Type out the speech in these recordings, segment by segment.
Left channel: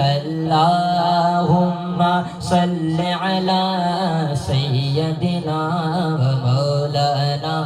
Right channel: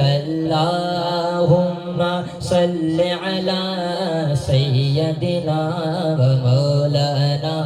اللهم صل على سيدنا ومولانا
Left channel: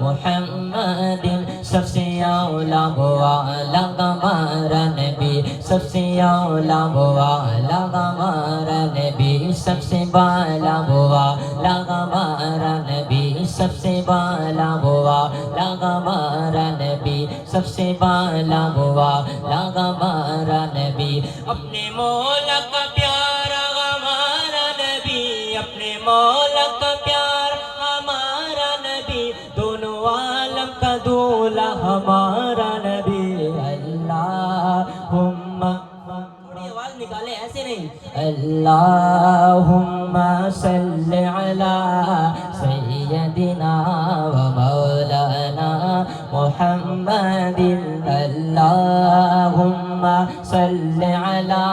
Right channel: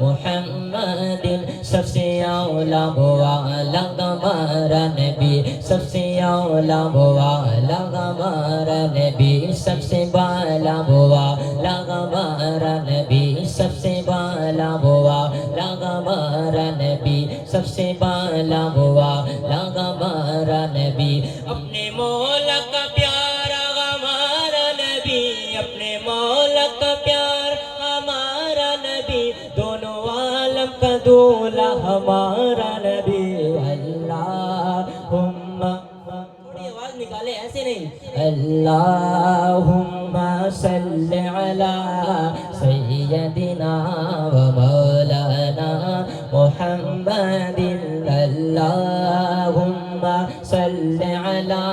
محمد सबसे औला वाला हमारा नबी सबसे औला वाला हमारा नबी सबसे बाला वाला हमारा नबी सबसे बाला वाला हमारा नबी सबसे बाला वाला हमारा नबी अपने मौला का प्यारा हमारा नबी अपने मौला का प्यार हमारा नबी दोनों आलम का दूल्हा हमारा नबी अल्लाहुम्मा थोड़ी आवाज निकाले ऐसे नहीं अल्लाहुम्मा सल्ली अला सय्यदिना व मौलाना मुहम्मदिन अल्लाहुम्मा सल्ली अला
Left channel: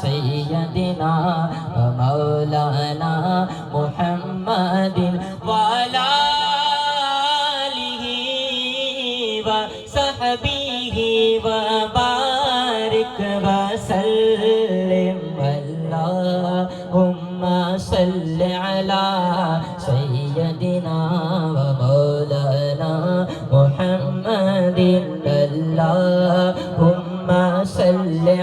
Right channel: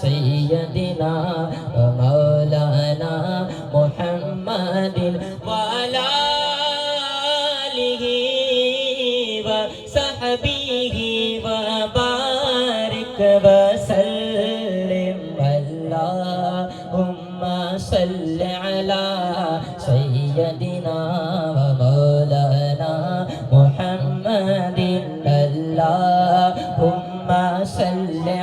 सय्यदिना व मौलाना मुहम्मदिन व अला आलिहि व सहबिहि व बारिक व सल्लिम अल्लाहुम्मा सल्ली अला सय्यदिना व मौलाना मुहम्मदिन अल्लाहुम्मा सल्ली